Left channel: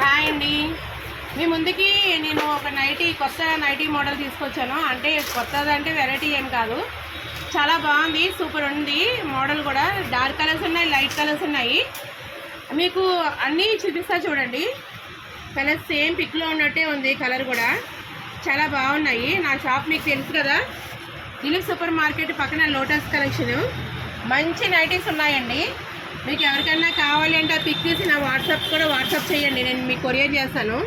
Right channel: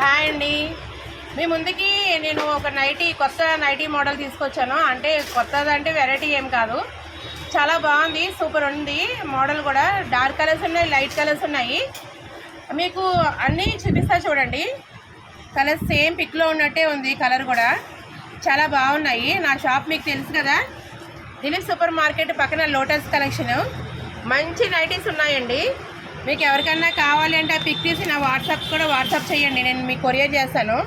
Hi అండి. మీ ముందుకి నేను ఒక కొత్త నైటీ మోడల్ తీసుకొచ్చాను. అంటే కొత్తది అంటే వెరైటీ ఏం కాదు, చాలా బాగుంది, సూపర్ ఉంది. మోడల్ కూడా డార్క్ కలర్స్ ఉన్నాయి, లైట్ కలర్స్ ఉన్నాయి. మీకు అన్నీ చూపిస్తా చూడండి. కలర్స్ సేమ్ పిక్లో ఉన్నట్టే ఉంది, కలర్ కూడా చాలా బాగున్నాయి. నా షాప్ మీకు తెలుసు కదా, దిలీప్ సూపర్ మార్కెట్ పక్కన లోటస్ కలెక్షన్. మంచి నైటీస్ ఉన్నాయండి. మీకు ఎవరికైనా కావాలి అంటే ఆ పిక్ తీసి నా వాట్సాప్ చేయండి, నేను మీకు కొరియర్ చేస్తాను.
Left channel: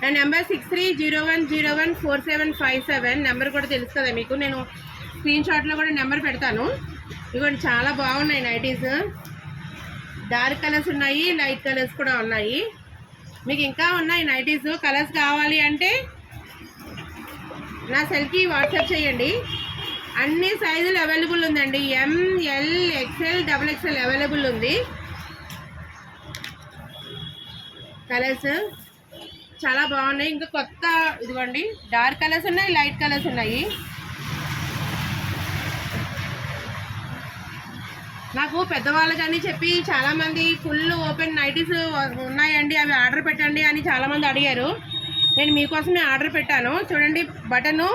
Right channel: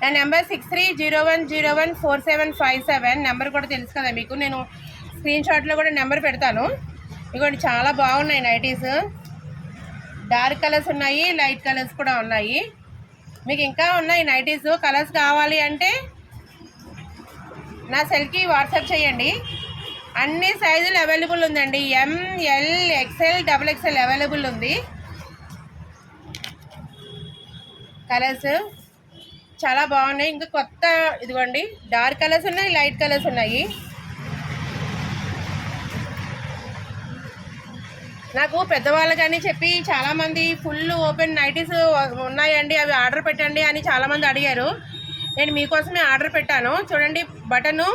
నా నెంబర్ 6301014757. నెంబర్ కూడా తెలుసు కదా మీకు, నేను స్క్రీన్ షాట్లో కూడా నెంబర్ పెడతాను. ఇదిగోండి, చాలా బాగున్నాయి నైటీస్. డార్క్ కలర్స్ ఉన్నాయి, లైట్ కలర్స్ కూడా ఉన్నాయి. మీకు ఇంకా ఉన్నాయి నైటీస్. కలర్స్ కావాలి అంటే నా సెల్కి వాట్సాప్ చేయండి. అన్ని సైజులు అవైలబుల్ ఉందండి. ఎంఎల్, ఎక్స్ఎల్, XXL అవైలబుల్ ఉంది. కలర్స్ చాలా బాగున్నాయి. ఇంకా కొత్త ఇదిగోండి, డార్క్ కలర్స్ ఉన్నాయి, లైట్ కలర్స్ ఉన్నాయి. నాకు పెద్దవాళ్ళకని చెప్పి చాలామంది ఫుల్ ఓపెన్ నైటీస్ ఉన్నాయండి, అవి ఆర్డర్ పెట్టండి అని చాలామంది అడిగారు. నేను మీకోసమే ఆర్డర్ పెట్టాను. చూడండి, బటను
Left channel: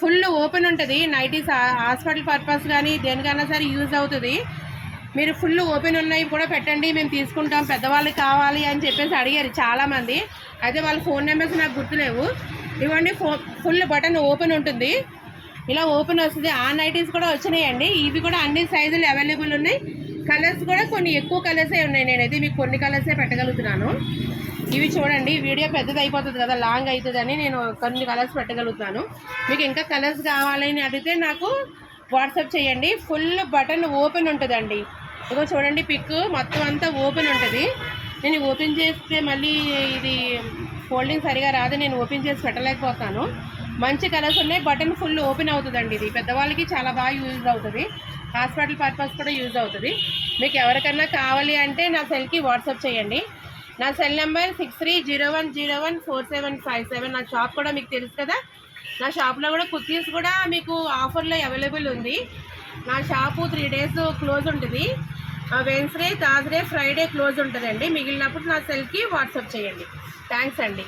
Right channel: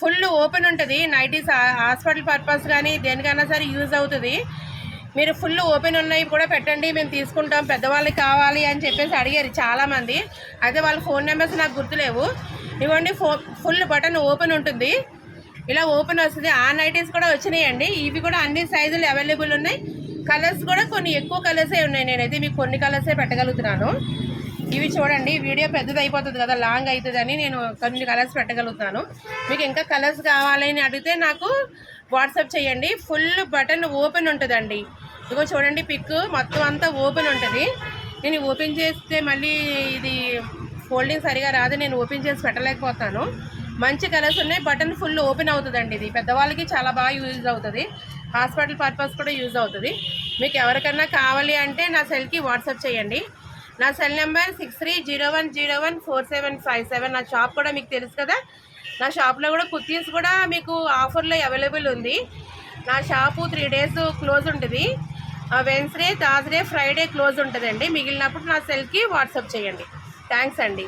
ఫుల్ ఓపెన్ ఉంటుంది. నైటీస్ హాస్పిటల్ పర్పస్ కానీ దేనికైనా సరే యూజ్ అవుతుంది. మీరు ఫుల్ ఓపెన్ ఉన్నాయి కూడా పెట్టండి, మేము తీసుకుంటాం, పెద్దవాళ్ళకి కావాలి అని చెప్పేసి అడిగారు చాలామంది. అయితే వాళ్ళ ఫోన్ నెంబర్స్ నాకు గుర్తులేవు. ఇవ్వండి, ఫుల్ బటన్ ఓపెన్ ఉంటుంది, ఇలా ఓపెన్ వస్తుంది. ఆ నైటీస్ కూడా వచ్చినాయండి. ఇవి కూడా అన్ని సైజులు అవైలబుల్ ఉన్నాయి. కలర్స్ కూడా కొన్ని ఎక్కువ కలర్సే ఉన్నాయి. నేనైతే మీకు కొన్ని కలర్సే పెట్టగలుగుతున్నాను. ఇవి చూడండి, వీడియో పెద్దది అయిపోతుంది కదా, లాంగ్ అవుతుందని నేను కొన్ని కలర్స్ పెట్టగలుగుతాను. మీకు ఇంకా కలర్స్ కావాలి అని అడిగితే నాకు వాట్సాప్ చేయండి. ఫుల్ బటన్ ఓపెన్ ఉంటుందండి. ఇదిగో చూడండి, పిక్ మొత్తం అంతా ఓపెన్ ఉంటుంది. నేను ఓపెన్ చేస్తే మళ్ళీ ఇది ఫోల్డింగ్ సరిగా రాదు, నేను ఓపెన్ చేసి పెట్టలేకపోతాను. మంచి కలర్స్ ఉన్నాయి. బటన్ ఫుల్ ఓపెన్ అవుతుందండి. ఇది పెద్దవాళ్ళకి చాలా బాగా యూజ్ అవుతుంది, హాస్పిటల్ పర్పస్ కూడా యూజ్ అవుతుంది. మీకు ఎవరికైనా కావాలి అంటే నా సెల్కి వాట్సాప్ చేయండి. నా సెల్ నెంబర్ 6301014757. నా షాప్ కూడా మీకు తెలుసు కదా, నా షాప్లో కూడా కుర్తీస్ కూడా మీకు ఆఫర్లో అవైలబుల్ ఉంది. నా షాపు 3 days క్లోజ్ ఉంటుంది. వెన్స్డే, థర్స్డే, ఫ్రైడే క్లోజ్ ఉంటుందండి. మిగిలినప్పుడు నా సెల్కి వాట్సాప్ చేయండి. థ్యాంక్స్ అండి.